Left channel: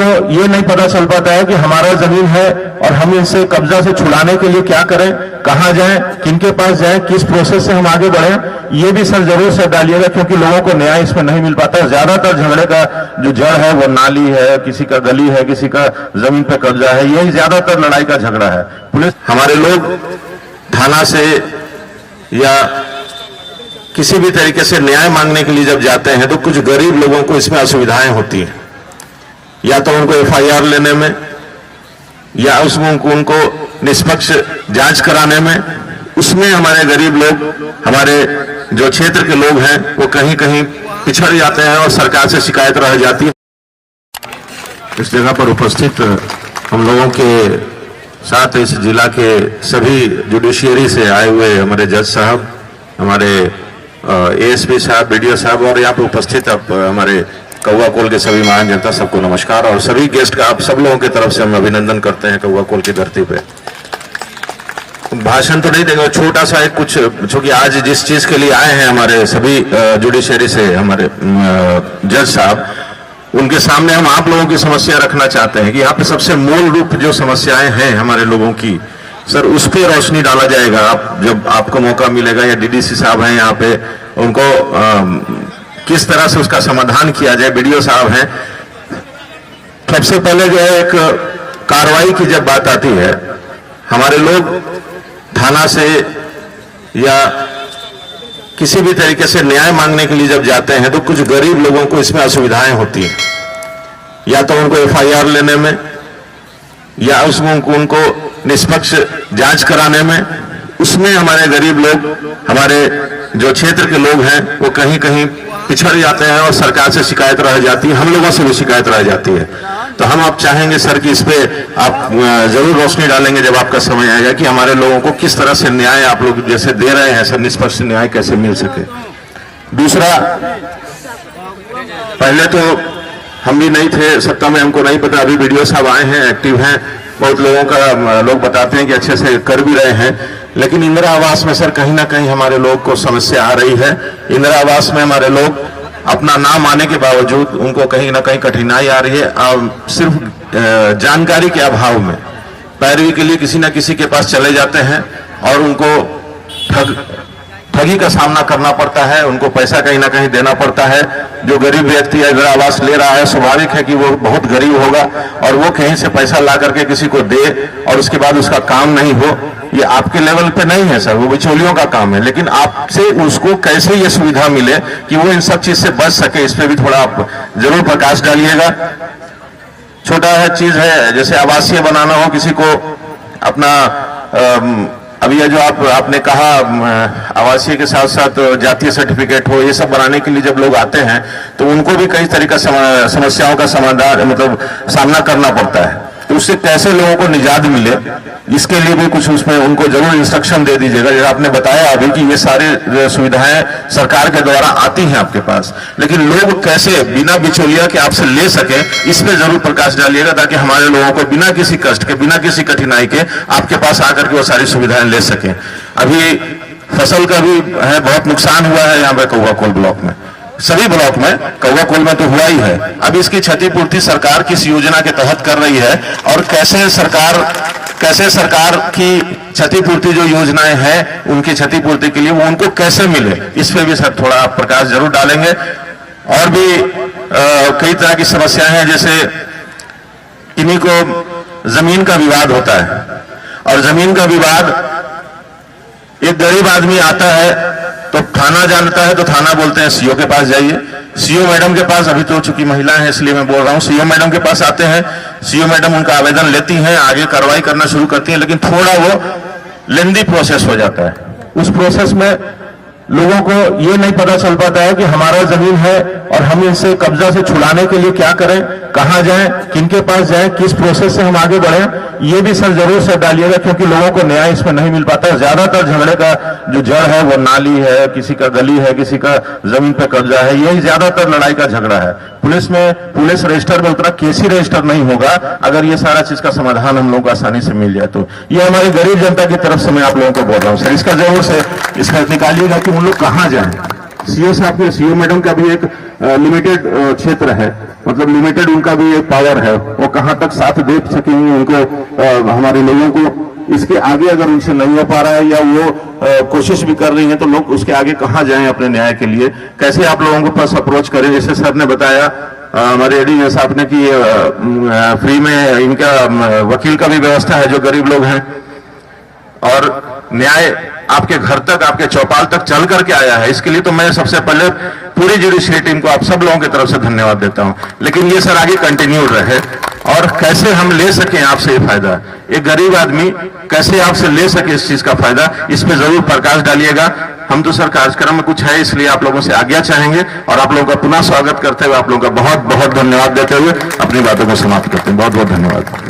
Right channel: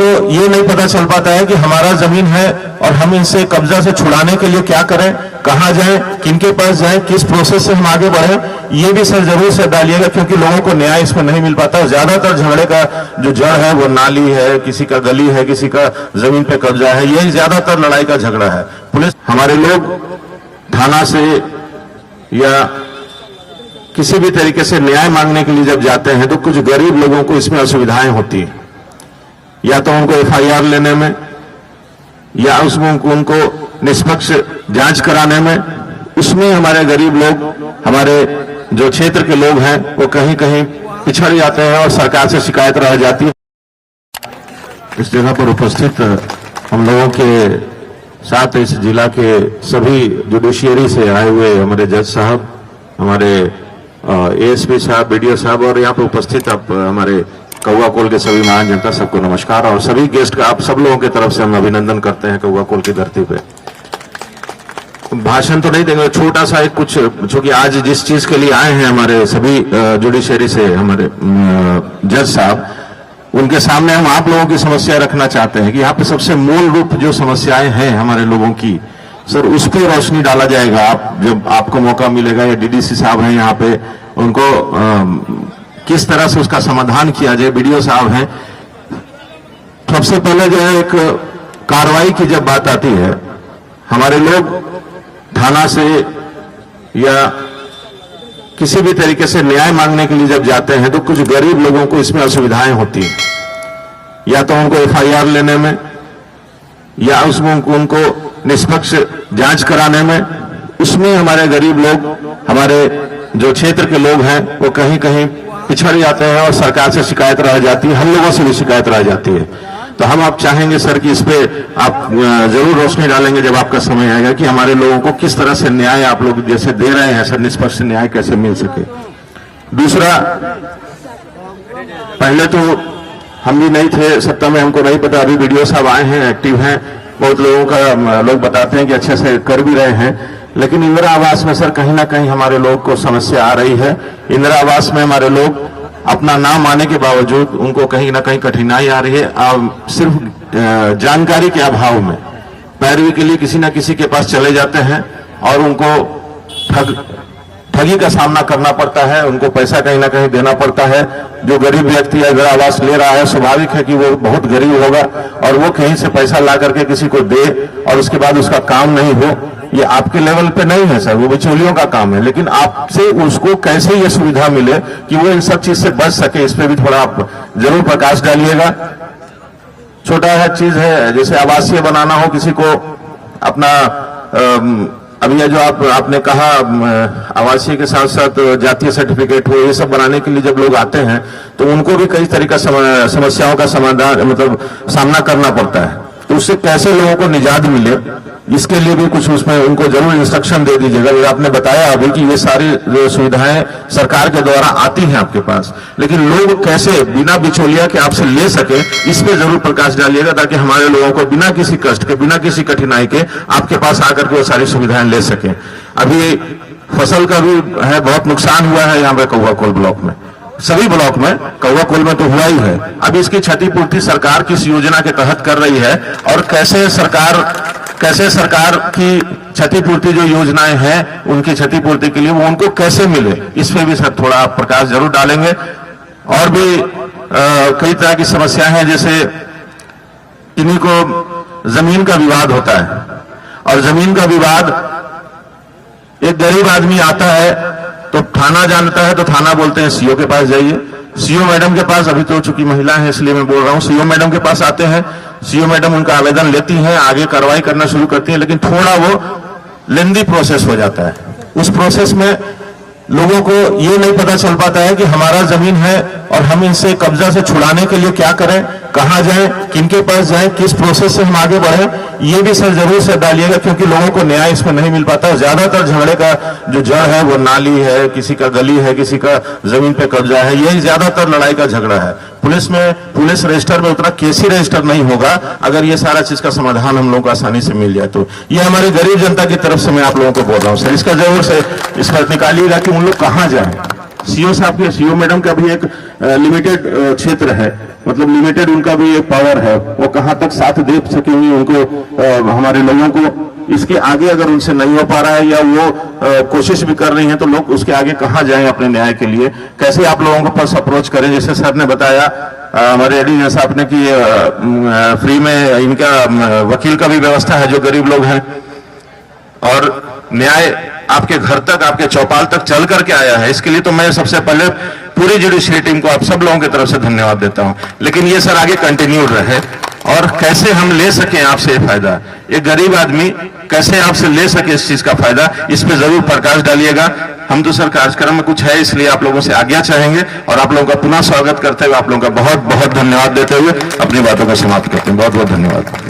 को ये नहीं पता चल पाता है कि हमारा जमीन है और हम इसे कब्जा से छुड़ाने के लिए क्या करें, कहां जाएं, किनके पास जाएं, किस प्रोसेस से हम आगे बढ़ें, ये भी सर जरूर से डालिएगा, क्योंकि लोगों को न्याय इसमें नहीं मिल पाता। ज्यादातर झगड़े का जो जड़ है वो नाली है, किसी का गली है, किसी का जमीन पे कब्जा है, यही ज्यादातर लड़ाई का झगड़ा है। पुलिस, हमारे लोग थाना से या किसी भी तरीके से न्याय मांगने के लिए जब जाते हैं तो कुछ गरीब लोगों को इसमें असुविधाएं होती हैं, या तो उनको एफआईआर लेने में, या उसमें उनको निष्पक्ष जांच कराने में। उसमें हमारे गरीब लोग, हमारे जो क्षेत्र के लोग हैं, वो कहीं कहीं पिछड़ जाते हैं और सरकार से शिकायत रह जाती है। इस जगह पर उपस्थित हम लोगों के साथ इस जिला के सभी जुडिशियरी से आए हुए हमारे जज साहब, हमारे एएसपी साहब, बीडीओ साहब, और यहाँ पर उपस्थित आप हमारे कौवा कोल के सभी महान जनता, सबको नमस्कार। और सभी गेस्ट का आप सब लोगों की तरफ से हम अभिनंदन करते हैं कौवा कोल की धरती पे। भाषण तो नहीं देंगे, छोटा सा एक कुछ, क्योंकि आज जिस चीज के लिए आए हैं हमारे सभी जुडिशियरी से हमारे जज साहब, उनके सामने हम आप लोगों की समस्या रखना चाहते हैं कि यहाँ पे सबसे मूल रूप जो समस्याएं हैं हमारे लोगों की, सर उस पर रोशनी डाला जाएगा। आप जब आपको मौका मिलेगा, या डीडीसी साहब हैं यहाँ पे, उनको किस तरह से उसका समाधान किया जाए, बीडीओ साहब हैं। सबसे पहले जो है एक कार्रवाई की जब बात आती है, हमारे लोग थाना से या किसी भी तरीके से न्याय मांगने के लिए जब जाते हैं तो कुछ गरीब लोगों को इसमें असुविधाएं होती हैं, या तो उनको एफआईआर लेने में, या उसमें उनको निष्पक्ष जांच कराने में। उसमें हमारे गरीब लोग, हमारे जो क्षेत्र के लोग हैं, वो कहीं कहीं पिछड़ जाते हैं और सरकार से शिकायत रह जाती है, हम लोगों से भी शिकायत रह जाती है। तो हम आप चाहेंगे सर कि इस पे आप जरूर रोशनी डालेंगे जब आपका समय आएगा, कि हमारे लोगों को किस तरह से न्याय आप लोग जैसे दे रहे हैं सर, निष्पक्ष न्याय कैसे मिल सके। दूसरा, पहले तो हम भी नहीं थे सत्ता में, हमको नहीं पता, अभी वीडियो साहब आए हैं, एक्टिव हैं, बहुत लोगों का लोग बताते हैं कि अच्छे से कर भी रहे हैं, लेकिन इंदिरा आवास में सर कहीं ना कहीं हमारे लोग को समस्या आ रही है। इंदिरा आवास में हमारे लोग अपना नाम आने के बावजूद उनको कहीं ना कहीं कठिनाई आ रही है। सिर्फ जानकारी के अभाव में पैरवी के लिए किसी न किसी के पास चले जाते हैं और उनको ठगी का सामना करना पड़ता है, उनको पैसा कहीं ना कहीं देना पड़ता है। जो गरीब व्यक्ति इंदिरा आवास ले रहा है, स्वाभाविक है कि वो बहुत गरीब होगा और वो कहीं से पैसा ला करके किसी को दे और उसके बाद उसका काम नहीं हो, ये आपके लेवल पे नहीं है सर, वो बिचौलियों का काम है। लेकिन आपसे उसको कैसे ये सुविधा मिले कि वो इन सब चीज से बच सके, इस पे भी थोड़ा आप जरूर प्रकाश डालिएगा। छोटा चीज है, जैसे आवासीय बनाना हो किसी को अपना, अभी ये जो आपने कहा आवासीय के साथ साथ जातीय सर्टिफिकेट हो, ये सब बनाने के लिए जब लोग आते हैं तो उनको भी कई तरह का समस्याओं का समाधान मतलब सामना करना पड़ता है। तो उससे कैसे लोगों को निजात मिले, इसके लिए भी कुछ उसमें उनको जरूर इंस्ट्रक्शन दे दीजिएगा। जैसे आपने बताया अभी कि ये सारी जो सुविधाएं सरकार के द्वारा आती हैं आपके पास, लेकिन लोग कैसे बिना बिचौलिया के आपसे ले सके, इस पे जरूर प्रकाश डालिएगा, ताकि हमारे लोगों को बिना किसी कष्ट के, बिना किसी कठिनाई के आपके पास आकर के वो सारी सुविधाएं ले सके। अभी फसल का भी है, बहुत नुकसान हुआ है यहाँ पे कौवा कोल ब्लॉक में, सभी ब्लॉक में, कौवा कोल में तो हुआ ही है। अब इसकी क्षतिपूर्ति सरकार किस योजना के तहत कर रही है और कैसे सरकार की क्षतिपूर्ति जो योजनाएं हैं उनकी क्षतिपूर्ति के लिए वो उनको कैसे मिले, इस पर भी सर थोड़ा आप प्रकाश जरूर डालेंगे। और भी कई तरह की समस्याएं हैं, जैसे किन्हीं को जमीन का विवाद होता है और जमीन का विवाद, एक गरीब आदमी आता है तो थाना जानता है तो थाना बोलते हैं सीओ के पास जाइए, सीओ मैडम के पास, अभी तो चूंकि महिला है इसलिए मैं बोल रहा हूं, सीओ मैडम के पास आते हैं, सीओ मैडम उनका आवेदन लेती हैं, आगे कार्रवाई करना शुरू करती हैं, लेकिन थोड़ा वो लेंदी प्रोसेस हो जाता है। उस प्रोसेस में लोगों को ये नहीं पता चल पाता है कि हमारा जमीन है और हम इसे कब्जा से छुड़ाने के लिए क्या करें, कहां जाएं, किनके पास जाएं, किस प्रोसेस से हम आगे बढ़ें, ये भी सर जरूर से डालिएगा, क्योंकि लोगों को न्याय इसमें नहीं मिल पाता। ज्यादातर झगड़े का जो जड़ है वो नाली है, किसी का गली है, किसी का जमीन पे कब्जा है, यही ज्यादातर लड़ाई का झगड़ा है। पुलिस रजिस्टर में उतना केसी रजिस्टर नहीं होगा अगर ये सारा चीज का समाधान हम लोगों को आसानी से मिल जाए। तो ये हमारी गरीब जनता की तरफ से मैं आप लोगों को बोल रहा हूँ सर, इसका जरूर से इसका निकालिएगा कि उन लोग कहाँ जाएं, सीओ साहब के, सीओ मैडम का भी एक लिमिटेड क्षेत्र है, मतलब लिमिटेड उनका भी एक पावर है, वो कहाँ तक साथ दे सकेंगे उनको, हमारे लोगों को। इसके आगे अगर उनसे नहीं हो पा रहा है या वो कोशिश भी कर रही हैं तो लोग उसके आगे कहाँ जाएं अपने न्याय के लिए, कैसे आप लोगों के पास अप्रोच करें। जैसे सर ने बताया, हमारे एडीजी साहब ने कि फ्री में इनका वकील का भी व्यवस्था है जो गरीब लोग हैं, और न्याय आपके घर तक, आपके चौपाल तक चल करके आया है। इसके लिए तो मैं सबसे पहले पूरी जुडिशरी टीम को, आप सब लोगों की तरफ से धन्यवाद देता हूं। लेकिन ये सर आगे कंटिन्यू रहे, और कैसे हम ले सकें आपसे ये फायदा, एक गरीब आदमी कैसे आपसे ले सके इस चीज का फायदा, इस पे जरूर प्रकाश डालिएगा। हम तो सर कार्यक्रम में कुछ है, इसलिए आप लोगों से आज्ञा चाहेंगे, और आप लोगों का पुनः स्वागत करते हुए, आप लोगों का बहुत बहुत धन्यवाद देते हुए अपनी बातों को समाप्त करते हैं। बहुत बहुत धन्यवाद।